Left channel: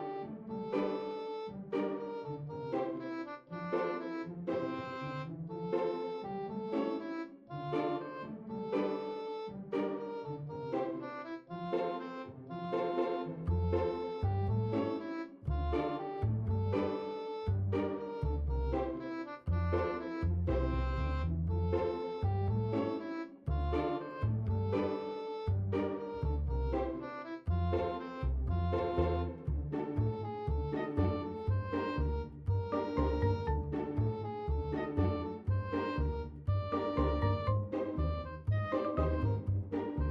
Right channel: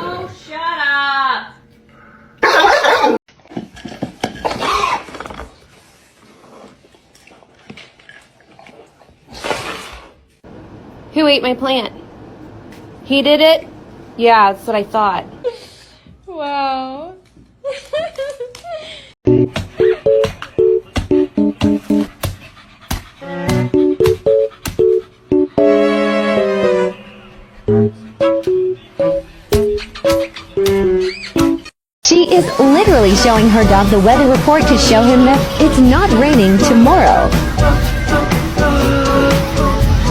Oh, shut up! Who ate my plant? He did it? Yeah, that's what I thought. Wow. She is literally showing her dog the weather report to show him that it's not raining tomorrow.